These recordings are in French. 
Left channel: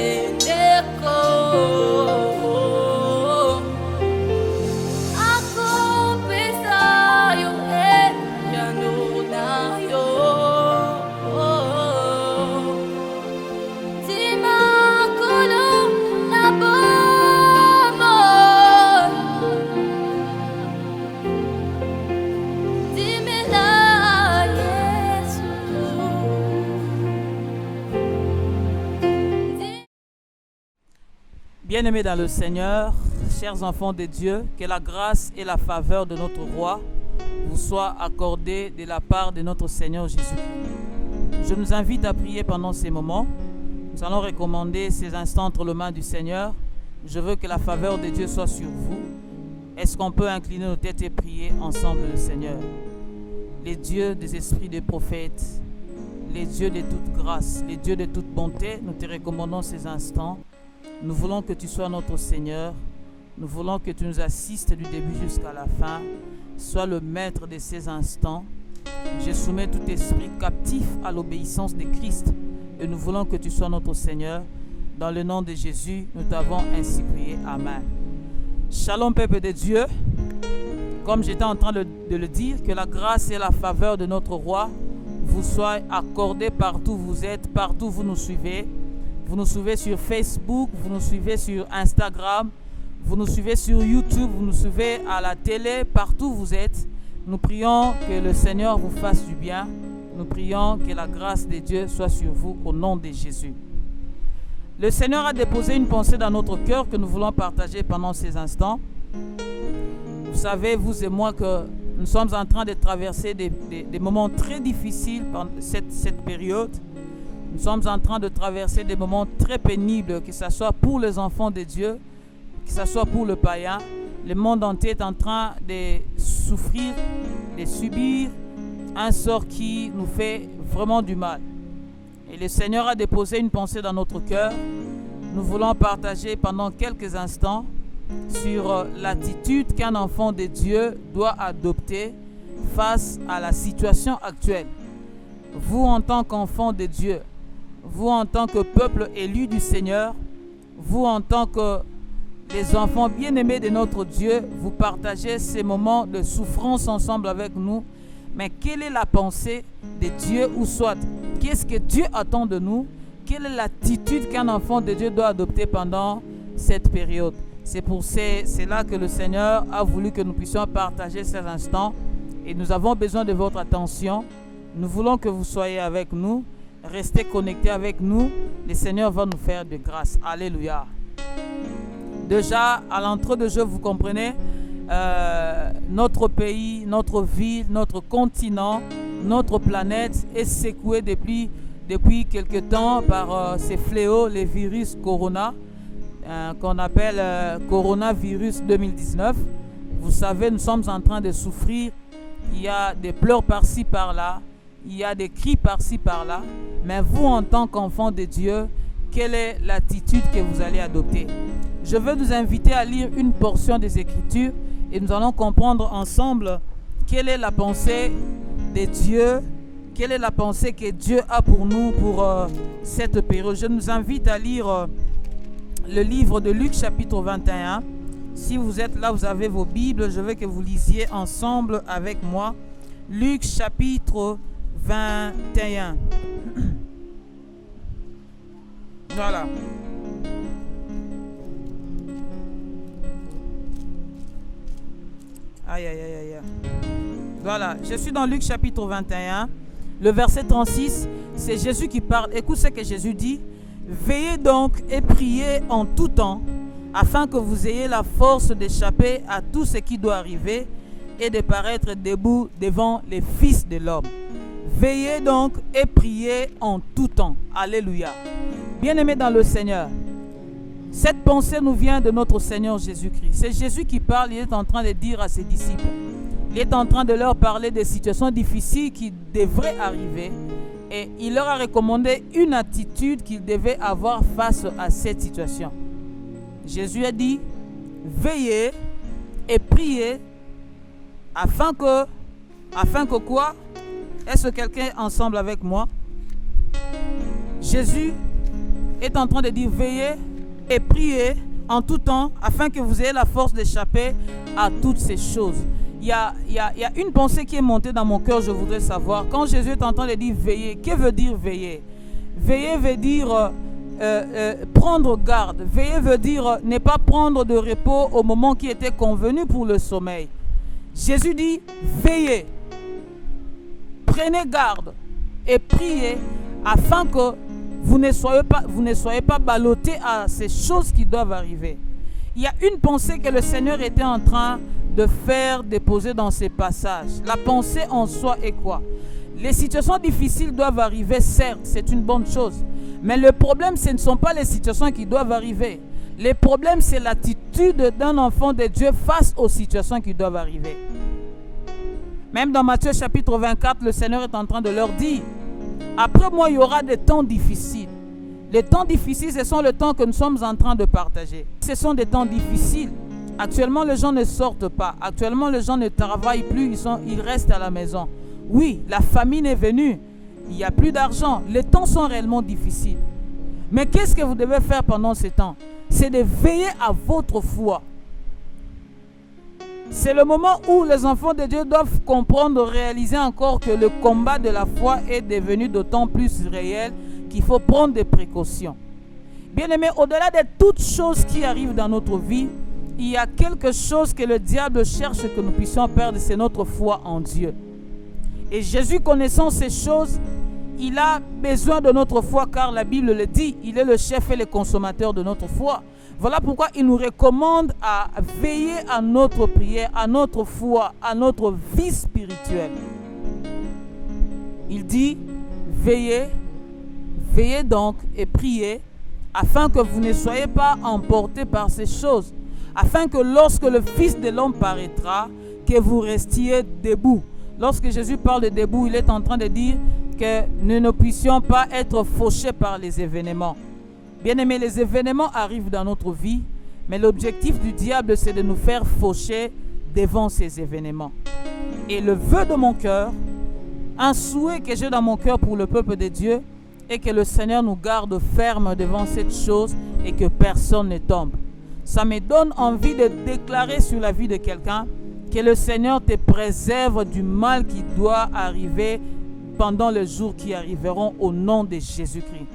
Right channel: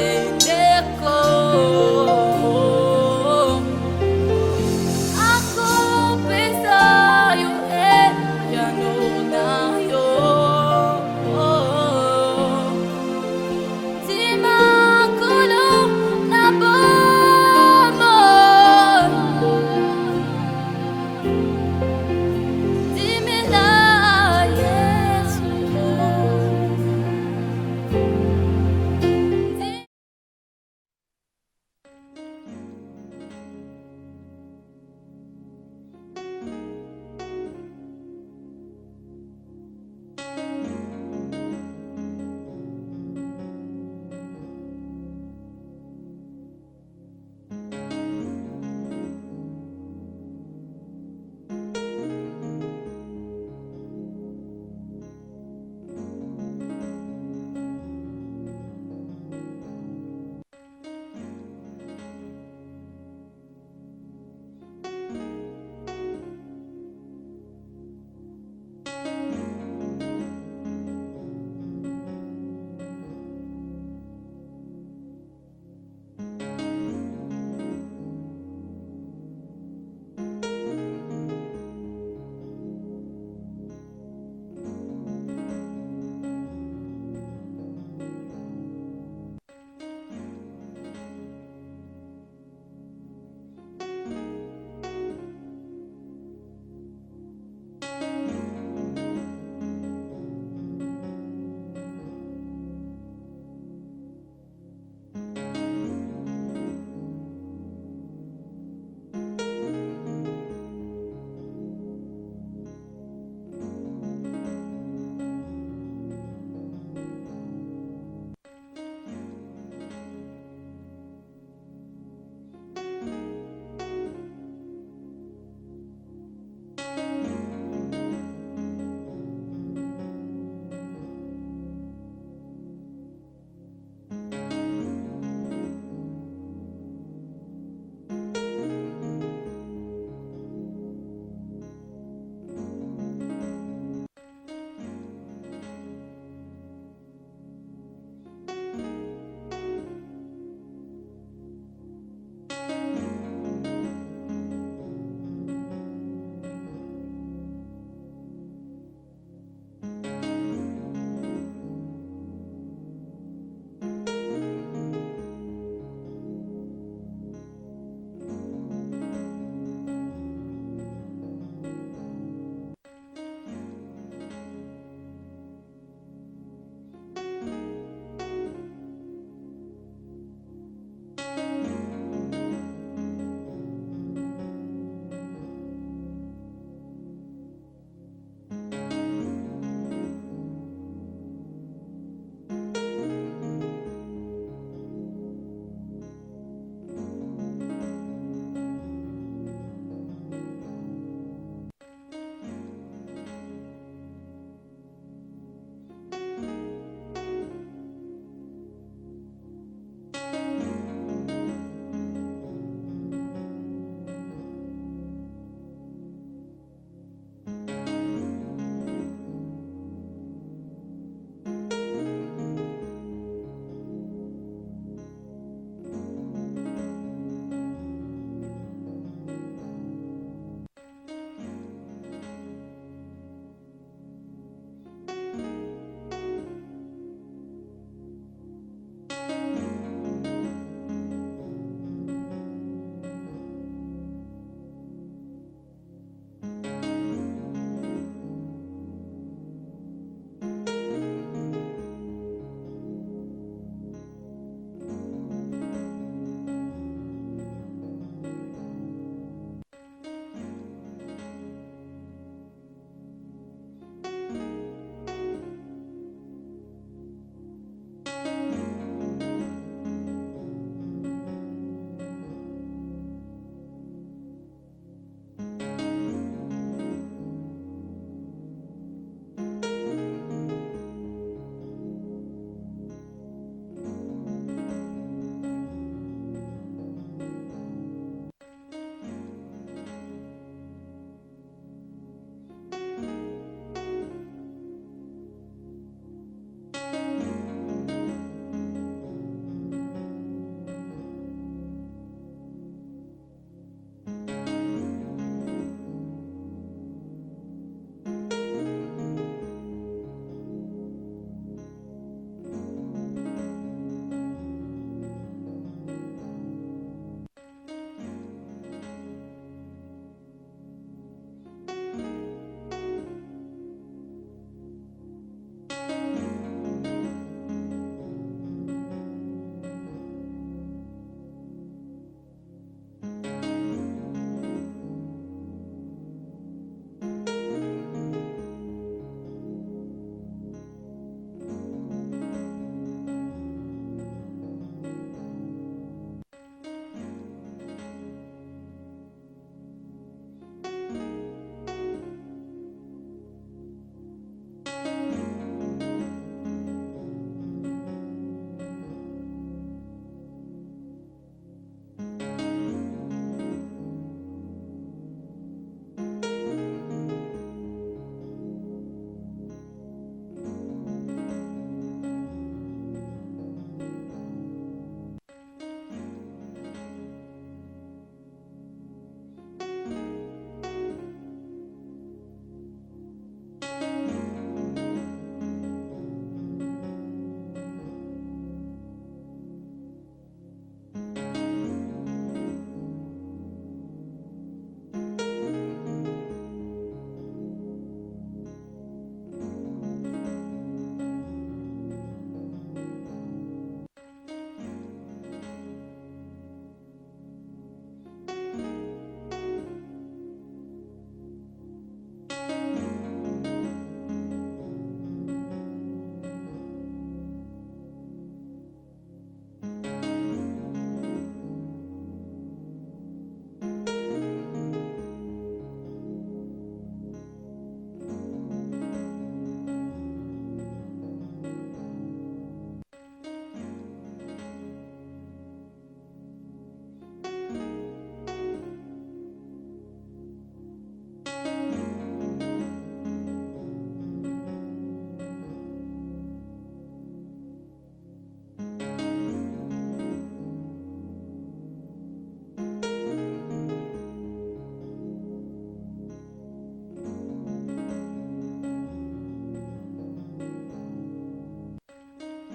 sendeko akopesa yo yano na yo dimakolo na bomo dimela Yesu. Bien-aimés dans le Seigneur, chers enfants de Dieu, que la grâce et la faveur de notre roi vous soient accordées de la part de notre Seigneur Jésus-Christ. Je nous invite à prier pendant ces moments. Nous allons recommander ces instants entre les mains du Seigneur. Je veux que la faveur de Dieu soit sur vous. Est-ce qu'on peut incliner nos têtes et prier ensemble le Seigneur? Les dieux des esprits des prophètes, les dieux de toute grâce, les dieux de toute bonté, nous te recommandons ces instants. Nous voulons que tu sois notre Seigneur. Nous voulons que tu nous assistes du début jusqu'à la fin. Sois le maître de ces instants. Je soumets tout esprit captif à l'obéissance de Christ. Et nous voulons que tu sois notre Seigneur. Dans le nom de Jésus, nous t'avons ainsi prié. Amen. Shalom, peuple de Dieu. Comme j'étais en train de le dire, que la grâce et la faveur de notre roi vous soient accordées partout où vous êtes, partout où vous nous suivez. Vous nous suivez sur Facebook, vous nous suivez sur Instagram, vous nous suivez sur YouTube, vous nous suivez à la télé, partout où vous êtes. Nous prions que le Seigneur vous fasse du bien. Nous prions que la grâce de Dieu soit sur vous au nom de Jésus. Le Seigneur a déposé une pensée dans notre cœur que nous voulons partager pendant ces instants. Vous savez, vous et moi, que nous sommes en train de traverser des moments très difficiles pendant cette période. Nous sommes en train de traverser des moments très pénibles, que ce soit pour les enfants de Dieu, que ce soit pour le païen. Le monde entier est en train de souffrir, de subir un sort qui nous fait vraiment du mal. Et le Seigneur a déposé une pensée dans notre cœur. Nous voulons partager pendant quelques instants sur l'attitude qu'un enfant de Dieu doit adopter face à la situation actuelle. Vous, en tant qu'enfant de Dieu, vous en tant que peuple élu du Seigneur, vous en tant que les enfants bien-aimés de notre Dieu, vous partagez ces moments de souffrance ensemble avec nous. Mais quelle est la pensée de Dieu ou soit qu'est-ce que Dieu attend de nous? Quelle est l'attitude qu'un enfant de Dieu doit adopter pendant cette période? C'est là que le Seigneur a voulu que nous puissions partager ces instants. Et nous avons besoin de votre attention. Nous voulons que vous soyez avec nous. Restez connectés avec nous. Le Seigneur va nous faire de grâce. Alléluia. Déjà, à l'entrée de jeu, vous comprenez, notre pays, notre ville, notre continent, notre planète est secouée depuis quelque temps par ces fléaux, les virus Corona, qu'on appelle coronavirus 2019. Vous savez, nous sommes en train de souffrir. Il y a des pleurs par-ci, par-là. Il y a des cris par-ci, par-là. Mais vous, en tant qu'enfant de Dieu, quelle est l'attitude que vous allez adopter? Je veux nous inviter à lire une portion des Écritures et nous allons comprendre ensemble quelle est la pensée de Dieu, quelle est la pensée que Dieu a pour nous pour cette période. Je nous invite à lire le livre de Luc chapitre 21. Si vous êtes là, vous avez vos Bibles, je veux que vous lisiez ensemble avec moi. Luc chapitre 21. Voilà. Aïe, aïe, aïe, aïe. Voilà, je suis dans Luc chapitre 21. Le verset 36, c'est Jésus qui parle. Écoute ce que Jésus dit. Veillez donc et priez en tout temps, afin que vous ayez la force d'échapper à tout ce qui doit arriver et de paraître debout devant les fils de l'homme. Veillez donc et priez en tout temps. Alléluia. Bien-aimés dans le Seigneur, cette pensée nous vient de notre Seigneur Jésus-Christ. C'est Jésus qui parle, il est en train de dire à ses disciples. Il est en train de leur parler des situations difficiles qui devraient arriver. Et il leur a recommandé une attitude qu'ils devaient avoir face à cette situation. Jésus a dit, veillez et priez afin que quoi? Est-ce que quelqu'un est ensemble avec moi? Jésus est en train de dire veillez et priez en tout temps afin que vous ayez la force d'échapper à toutes ces choses. Il y a une pensée qui est montée dans mon cœur, je voudrais savoir. Quand Jésus est en train de dire veiller, que veut dire veiller? Veiller veut dire prendre garde. Veiller veut dire ne pas prendre de repos au moment qui était convenu pour le sommeil. Jésus dit veillez, prenez garde et priez afin que vous ne soyez pas ballottés à ces choses qui doivent arriver. Il y a une pensée que le Seigneur était en train de faire déposer dans ces passages. La pensée en soi est quoi? Les situations difficiles doivent arriver, certes, c'est une bonne chose. Mais le problème, ce ne sont pas les situations qui doivent arriver. Le problème, c'est l'attitude d'un enfant de Dieu face aux situations qui doivent arriver. Même dans Matthieu chapitre 24, le Seigneur est en train de leur dire, après moi, il y aura des temps difficiles. Les temps difficiles, ce sont les temps que nous sommes en train de partager. Ce sont des temps difficiles. Actuellement, les gens ne sortent pas. Actuellement, les gens ne travaillent plus. Ils restent à la maison. Oui, la famine est venue. Il n'y a plus d'argent. Les temps sont réellement difficiles. Mais qu'est-ce que vous devez faire pendant ces temps? C'est de veiller à votre foi. C'est le moment où les enfants de Dieu doivent comprendre, réaliser encore que le combat de la foi est devenu d'autant plus réel qu'il faut prendre des précautions. Bien-aimés, au-delà de toutes choses qui arrivent dans notre vie, il y a quelque chose que le diable cherche que nous puissions perdre, c'est notre foi en Dieu. Et Jésus, connaissant ces choses, il a besoin de notre foi car la Bible le dit, il est le chef et le consommateur de notre foi. Voilà pourquoi il nous recommande à veiller à notre prière, à notre foi, à notre vie spirituelle. Il dit, veillez donc et priez afin que vous ne soyez pas emportés par ces choses, afin que lorsque le Fils de l'homme paraîtra, que vous restiez debout. Lorsque Jésus parle de debout, il est en train de dire que nous ne puissions pas être fauchés par les événements. Bien-aimés, les événements arrivent dans notre vie, mais l'objectif du diable, c'est de nous faire faucher devant ces événements. Et le vœu de mon cœur, un souhait que j'ai dans mon cœur pour le peuple de Dieu, est que le Seigneur nous garde ferme devant cette chose et que personne ne tombe. Ça me donne envie de déclarer sur la vie de quelqu'un que le Seigneur te préserve du mal qui doit arriver pendant les jours qui arriveront au nom de Jésus-Christ.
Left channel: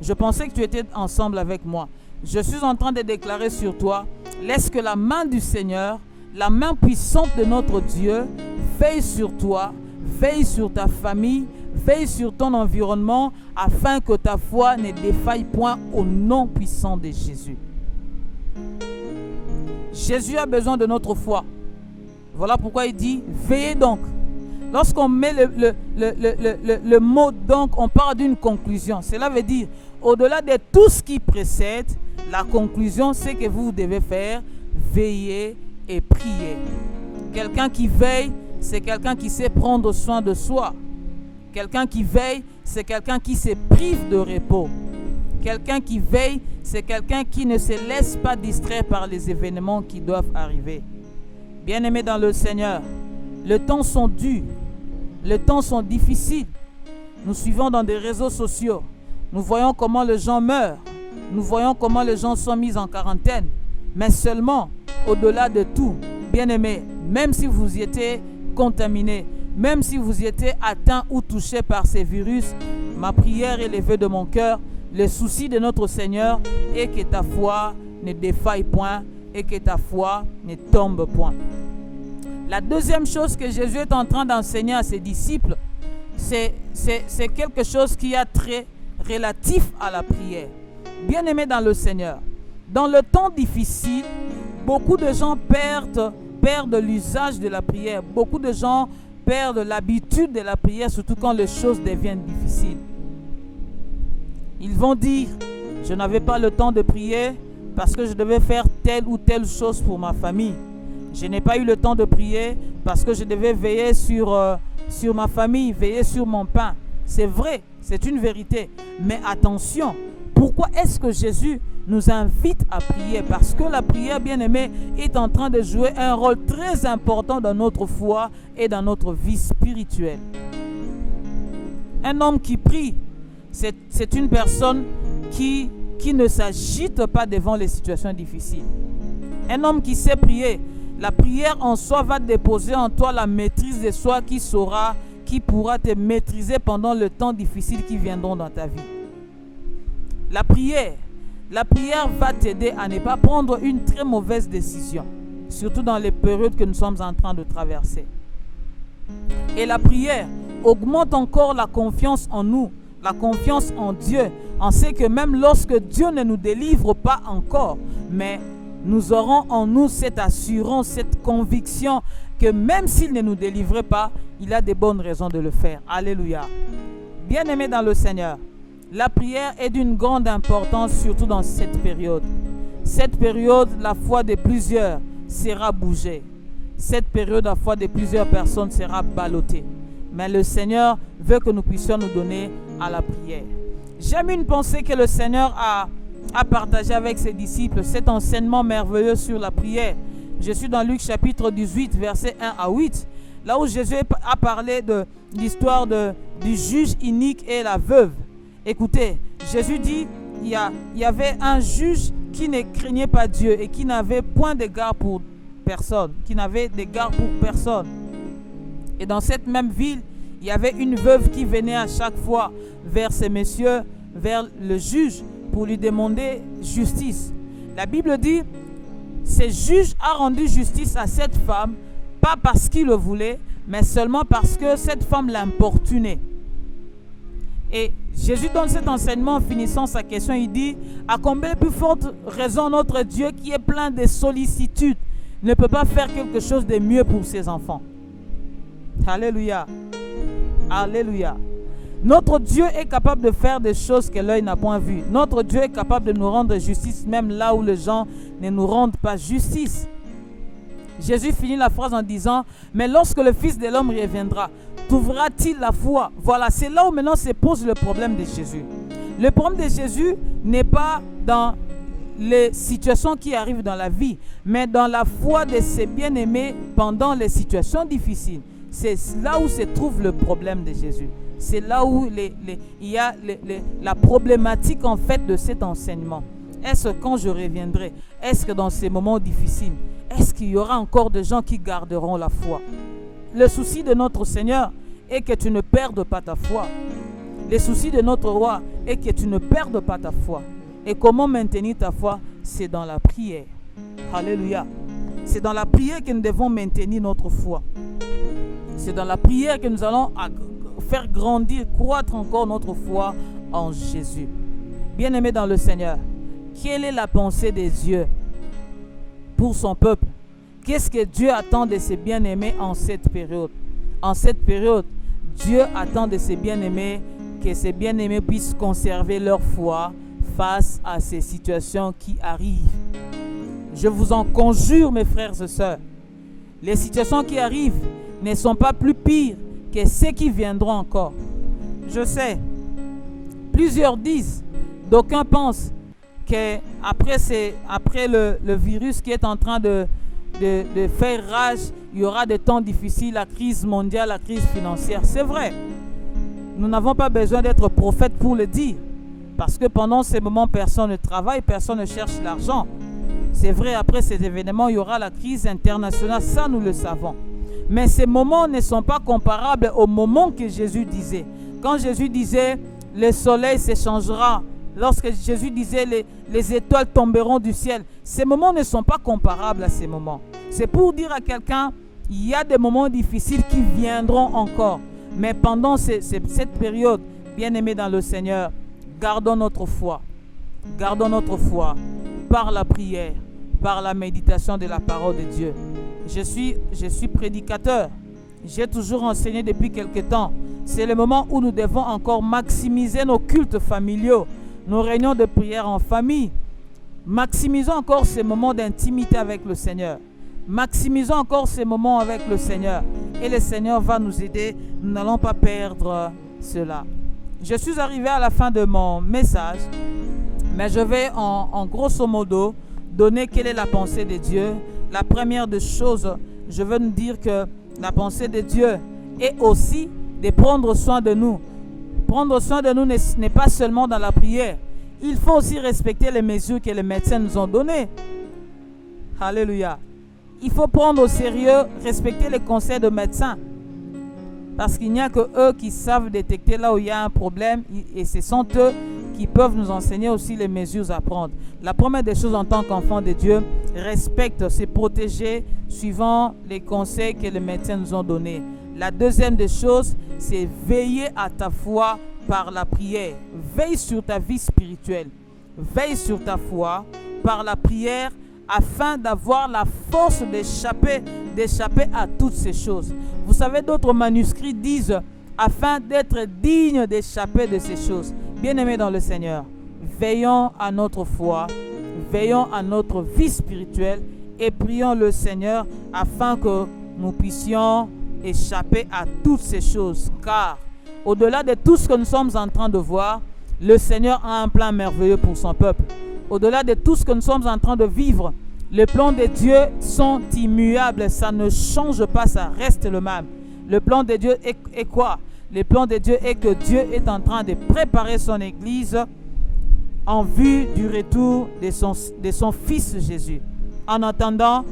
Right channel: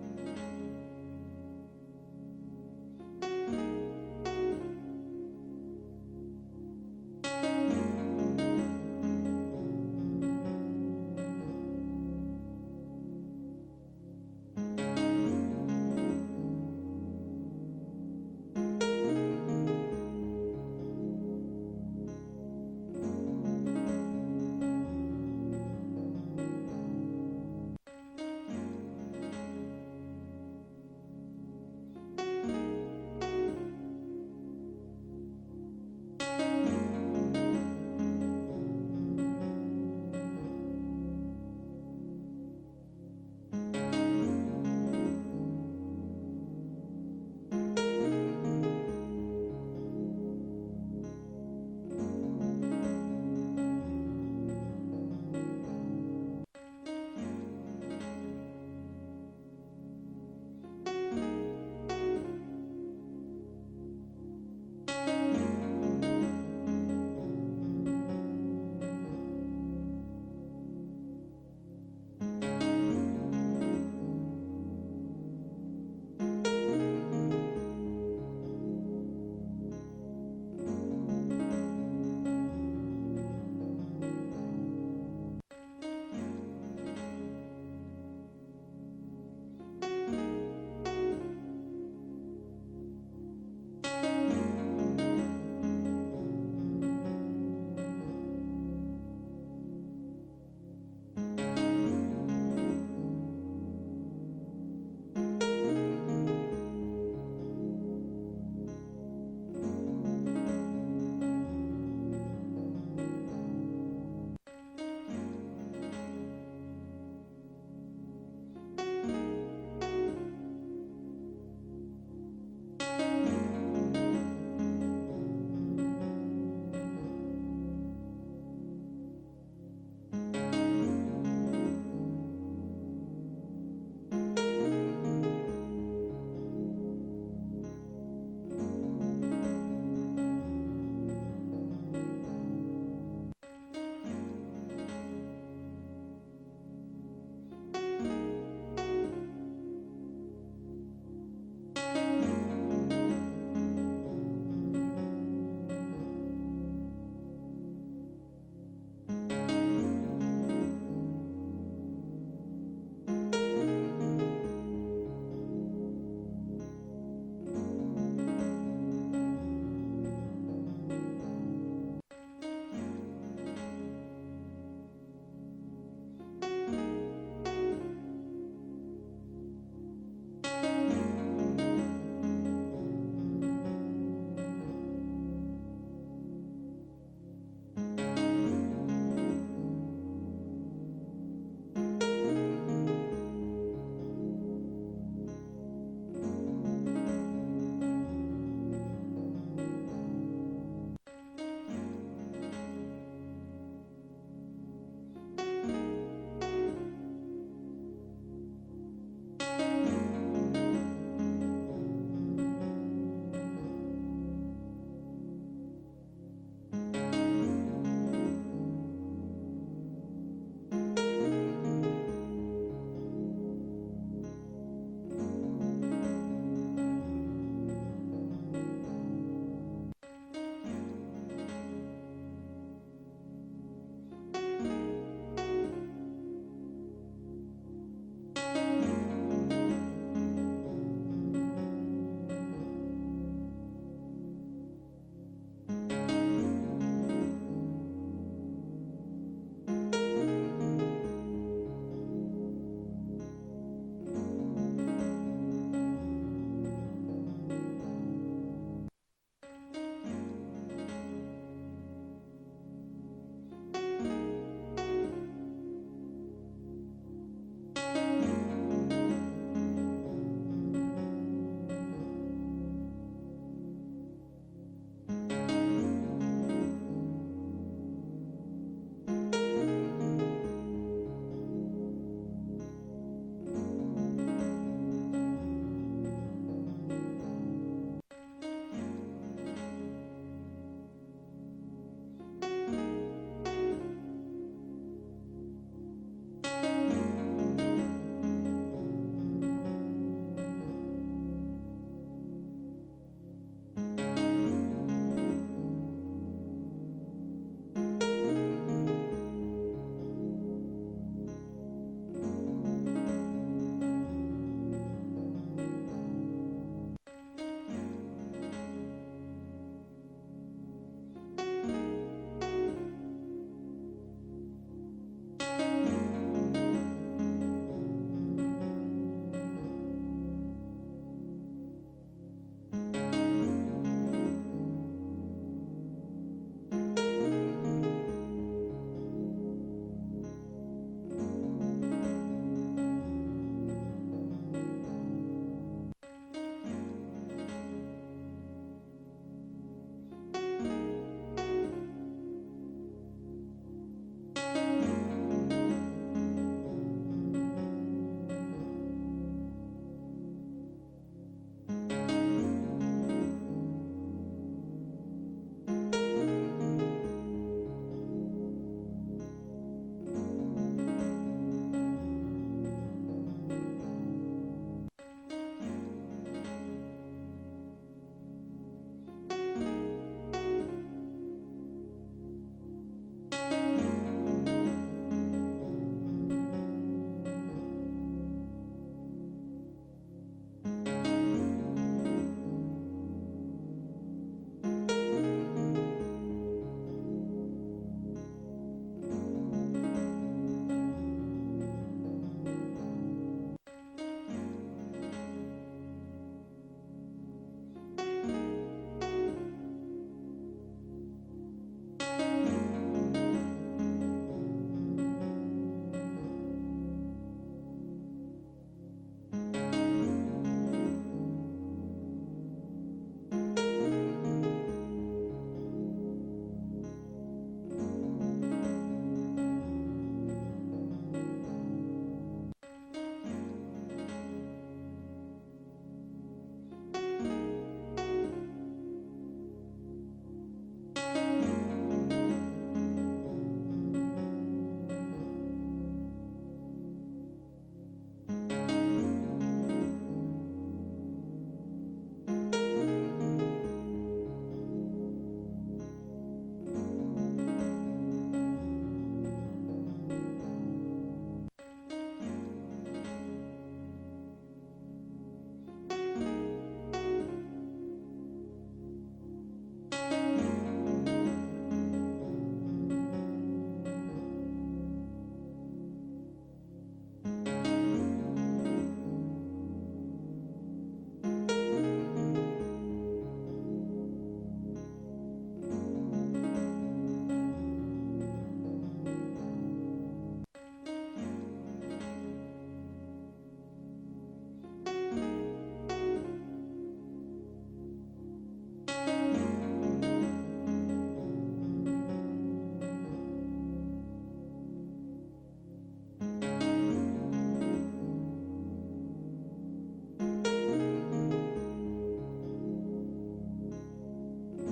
Je pensais que tu étais ensemble avec moi. Je suis en train de déclarer sur toi, laisse que la main du Seigneur, la main puissante de notre Dieu, veille sur toi, veille sur ta famille, veille sur ton environnement, afin que ta foi ne défaille point au nom puissant de Jésus. Jésus a besoin de notre foi. Voilà pourquoi il dit, veillez donc. Lorsqu'on met le mot donc, on parle d'une conclusion. Cela veut dire, au-delà de tout ce qui précède, la conclusion, c'est que vous devez faire veiller et prier. Quelqu'un qui veille, c'est quelqu'un qui sait prendre soin de soi. Quelqu'un qui veille, c'est quelqu'un qui se prive de repos. Quelqu'un qui veille, c'est quelqu'un qui ne se laisse pas distraire par les événements qui doivent arriver. Bien-aimés dans le Seigneur, les temps sont durs, les temps sont difficiles. Nous suivons dans des réseaux sociaux. Nous voyons comment les gens meurent. Nous voyons comment les gens sont mis en quarantaine. Mais seulement, au-delà de tout, bien-aimés, même si vous y étiez contaminé, même si vous y étiez atteint ou touché par ces virus, ma prière est levée de mon cœur. Le souci de notre Seigneur est que ta foi ne défaille point et que ta foi ne tombe point. La deuxième chose que Jésus est en train d'enseigner à ses disciples, c'est quelque chose qui est très relatif à la prière. Bien-aimés dans le Seigneur, dans le temps difficile, beaucoup de gens perdent l'usage de la prière. Beaucoup de gens perdent l'habitude de la prière, surtout quand les choses deviennent difficiles. Ils vont dire, je n'avais pas le temps de prier parce que je devais faire telle ou telle chose pour ma famille. Je n'ai pas eu le temps de prier parce que je devais veiller sur ma famille, veiller sur mon pain. C'est vrai, c'est une vérité. Mais attention, pourquoi est-ce que Jésus nous invite à prier? Parce que la prière, bien-aimée, est en train de jouer un rôle très important dans notre foi et dans notre vie spirituelle. Un homme qui prie, c'est une personne qui qui ne s'agite pas devant les situations difficiles. Un homme qui sait prier, la prière en soi va déposer en toi la maîtrise de soi qui pourra te maîtriser pendant le temps difficile qui viendront dans ta vie. La prière va t'aider à ne pas prendre une très mauvaise décision, surtout dans les périodes que nous sommes en train de traverser. Et la prière augmente encore la confiance en nous, la confiance en Dieu. On sait que même lorsque Dieu ne nous délivre pas encore, mais nous aurons en nous cette assurance, cette conviction que même s'il ne nous délivrait pas, il a de bonnes raisons de le faire. Alléluia. Bien-aimés dans le Seigneur, la prière est d'une grande importance, surtout dans cette période. Cette période, la foi de plusieurs sera bougée. Cette période, la foi de plusieurs personnes sera ballottée. Mais le Seigneur veut que nous puissions nous donner à la prière. J'aime une pensée que le Seigneur a partagée avec ses disciples, cet enseignement merveilleux sur la prière. Je suis dans Luc chapitre 18, versets 1 à 8, là où Jésus a parlé de l'histoire du juge inique et la veuve. Écoutez, Jésus dit, il y avait un juge qui ne craignait pas Dieu et qui n'avait point d'égard pour personne, Et dans cette même ville, il y avait une veuve qui venait à chaque fois vers ces messieurs, vers le juge, pour lui demander justice. La Bible dit, ce juge a rendu justice à cette femme, pas parce qu'il le voulait, mais seulement parce que cette femme l'importunait. Et Jésus donne cet enseignement en finissant sa question. Il dit, à combien plus forte raison notre Dieu qui est plein de sollicitude ne peut pas faire quelque chose de mieux pour ses enfants. Alléluia. Alléluia. Notre Dieu est capable de faire des choses que l'œil n'a point vues. Notre Dieu est capable de nous rendre justice même là où les gens ne nous rendent pas justice. Jésus finit la phrase en disant, mais lorsque le Fils de l'homme reviendra, trouvera-t-il la foi? Voilà, c'est là où maintenant se pose le problème de Jésus. Le problème de Jésus n'est pas dans les situations qui arrivent dans la vie, mais dans la foi de ses bien-aimés pendant les situations difficiles. C'est là où se trouve le problème de Jésus. C'est là où il y a la problématique en fait de cet enseignement. Est-ce que quand je reviendrai, est-ce que dans ces moments difficiles, est-ce qu'il y aura encore des gens qui garderont la foi? Le souci de notre Seigneur est que tu ne perdes pas ta foi. Le souci de notre roi est que tu ne perdes pas ta foi. Et comment maintenir ta foi? C'est dans la prière. Alléluia. C'est dans la prière que nous devons maintenir notre foi. C'est dans la prière que nous allons faire grandir, croître encore notre foi en Jésus. Bien-aimés dans le Seigneur, quelle est la pensée de Dieu pour son peuple? Qu'est-ce que Dieu attend de ses bien-aimés en cette période? En cette période, Dieu attend de ses bien-aimés que ses bien-aimés puissent conserver leur foi face à ces situations qui arrivent. Je vous en conjure, mes frères et sœurs, les situations qui arrivent ne sont pas plus pires que ceux qui viendront encore. Je sais, plusieurs disent, d'aucuns pensent qu'après le virus qui est en train de faire rage, il y aura des temps difficiles, la crise mondiale, la crise financière. C'est vrai, nous n'avons pas besoin d'être prophètes pour le dire, parce que pendant ces moments, personne ne travaille, personne ne cherche l'argent. C'est vrai, après ces événements, il y aura la crise internationale, ça nous le savons. Mais ces moments ne sont pas comparables au moment que Jésus disait. Quand Jésus disait, le soleil s'échangera, lorsque Jésus disait, les étoiles tomberont du ciel, ces moments ne sont pas comparables à ces moments. C'est pour dire à quelqu'un, il y a des moments difficiles qui viendront encore. Mais pendant cette période, bien-aimés dans le Seigneur, gardons notre foi. Gardons notre foi par la prière, par la méditation de la parole de Dieu. Je suis prédicateur. J'ai toujours enseigné depuis quelque temps. C'est le moment où nous devons encore maximiser nos cultes familiaux, nos réunions de prière en famille. Maximisons encore ces moments d'intimité avec le Seigneur. Maximisons encore ces moments avec le Seigneur. Et le Seigneur va nous aider. Nous n'allons pas perdre cela. Je suis arrivé à la fin de mon message, mais je vais en grosso modo donner quelle est la pensée de Dieu. La première des choses, je veux nous dire que la pensée de Dieu est aussi de prendre soin de nous. Prendre soin de nous n'est pas seulement dans la prière. il faut aussi respecter les mesures que les médecins nous ont données. Alléluia. Il faut prendre au sérieux, respecter les conseils de médecins. Parce qu'il n'y a que eux qui savent détecter là où il y a un problème et ce sont eux qui peuvent nous enseigner aussi les mesures à prendre. La première des choses en tant qu'enfant de Dieu, respecte, se protéger suivant les conseils que les médecins nous ont donnés. La deuxième des choses, c'est veiller à ta foi par la prière. Veille sur ta vie spirituelle. Veille sur ta foi par la prière afin d'avoir la force d'échapper à toutes ces choses. Vous savez, d'autres manuscrits disent afin d'être digne d'échapper de ces choses. Bien-aimés dans le Seigneur, veillons à notre foi, veillons à notre vie spirituelle et prions le Seigneur afin que nous puissions échapper à toutes ces choses. Car au-delà de tout ce que nous sommes en train de voir, le Seigneur a un plan merveilleux pour son peuple. Au-delà de tout ce que nous sommes en train de vivre, les plans de Dieu sont immuables, ça ne change pas, ça reste le même. Le plan de Dieu est quoi? Le plan de Dieu est que Dieu est en train de préparer son Église en vue du retour de son Fils Jésus. En attendant,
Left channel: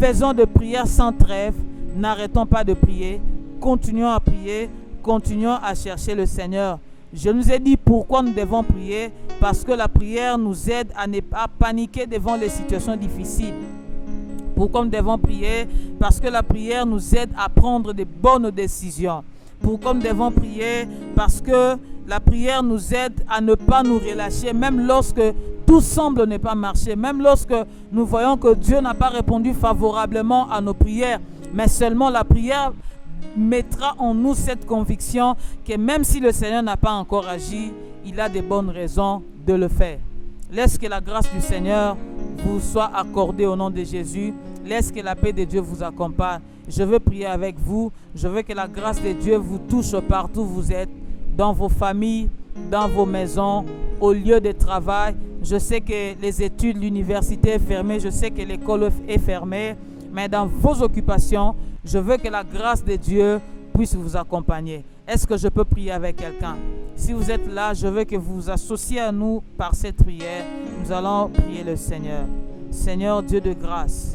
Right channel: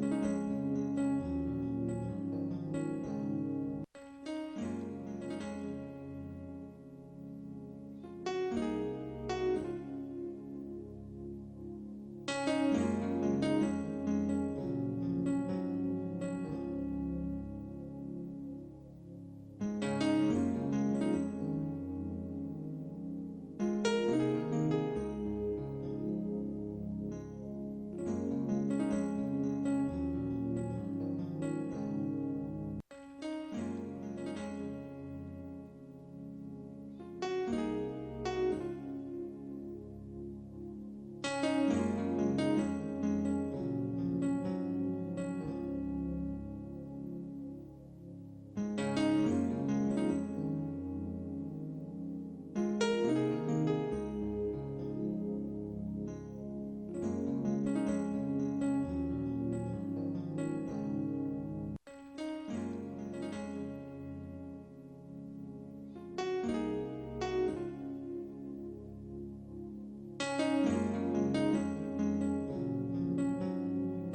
faisons de prières sans trêve, n'arrêtons pas de prier, continuons à prier, continuons à chercher le Seigneur. Je nous ai dit pourquoi nous devons prier, parce que la prière nous aide à ne pas paniquer devant les situations difficiles. Pourquoi nous devons prier? Parce que la prière nous aide à prendre de bonnes décisions. Pourquoi nous devons prier? Parce que la prière nous aide à ne pas nous relâcher, même lorsque tout semble ne pas marcher, même lorsque nous voyons que Dieu n'a pas répondu favorablement à nos prières, mais seulement la prière mettra en nous cette conviction que même si le Seigneur n'a pas encore agi, il a de bonnes raisons de le faire. Laisse que la grâce du Seigneur vous soit accordée au nom de Jésus. Laisse que la paix de Dieu vous accompagne. Je veux prier avec vous. Je veux que la grâce de Dieu vous touche partout où vous êtes, dans vos familles, dans vos maisons, au lieu de travail. Je sais que les études, l'université est fermée. Je sais que l'école est fermée. Mais dans vos occupations, je veux que la grâce de Dieu puisse vous accompagner. Est-ce que je peux prier avec quelqu'un? Si vous êtes là, je veux que vous vous associez à nous par cette prière. Nous allons prier le Seigneur. Seigneur Dieu de grâce,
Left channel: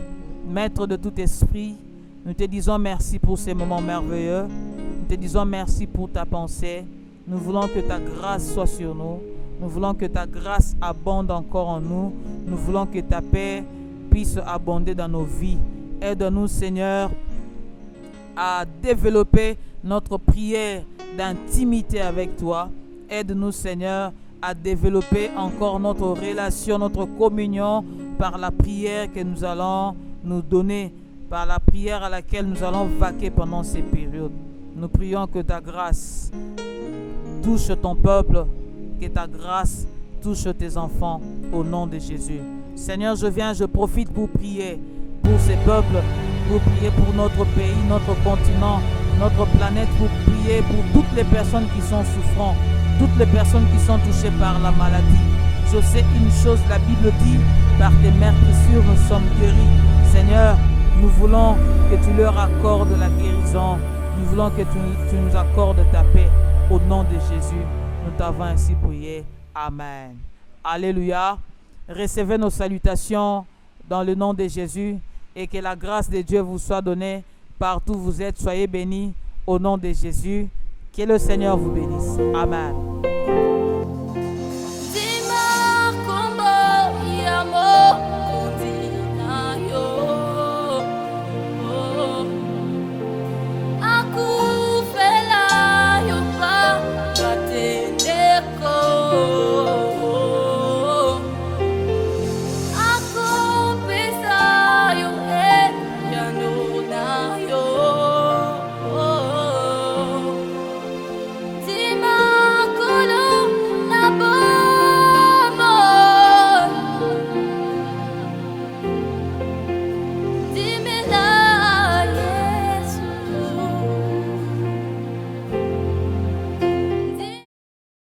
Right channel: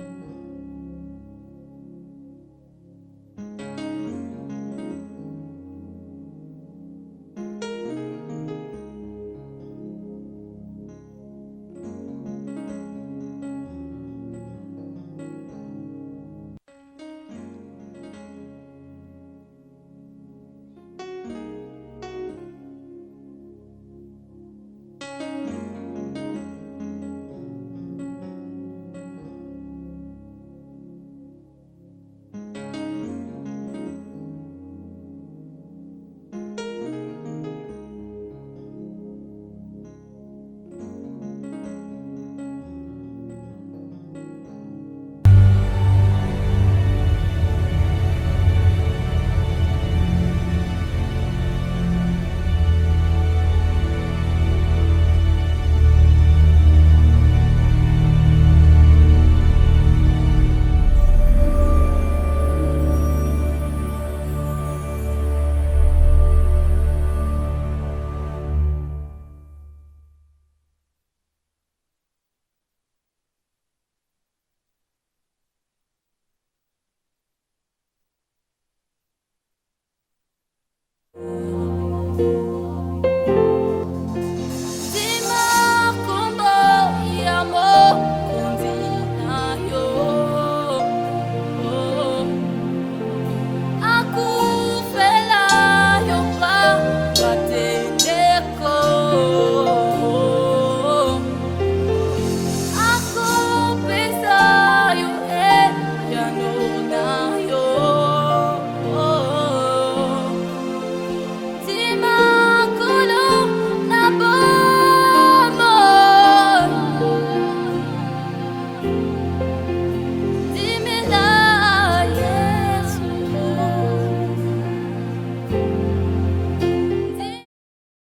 Maître de tout esprit, nous te disons merci pour ces moments merveilleux. Nous te disons merci pour ta pensée. Nous voulons que ta grâce soit sur nous. Nous voulons que ta grâce abonde encore en nous. Nous voulons que ta paix puisse abonder dans nos vies. Aide-nous, Seigneur, à développer notre prière d'intimité avec toi. Aide-nous, Seigneur, à développer encore notre relation, notre communion par la prière que nous allons nous donner, par la prière à laquelle nous allons vaquer pendant ces périodes. Nous prions que ta grâce touche ton peuple, que ta grâce touche tes enfants au nom de Jésus. Seigneur, je profite pour prier pour ces peuples, pour prier pour notre pays, notre continent, notre planète, pour prier pour toutes les personnes qui sont souffrantes, toutes les personnes qui sont touchées par la maladie. Je sais une chose, la Bible dit, par tes meurtrissures nous sommes guéris. Seigneur, nous voulons que tu leur accordes la guérison. Nous voulons que tu nous accordes ta paix. Au nom de Jésus, nous t'avons ainsi prié. Amen. Alléluia. Recevez nos salutations dans le nom de Jésus et que la grâce de Dieu vous soit donnée partout où vous êtes. Soyez bénis au nom de Jésus. Que le Seigneur vous bénisse. Amen.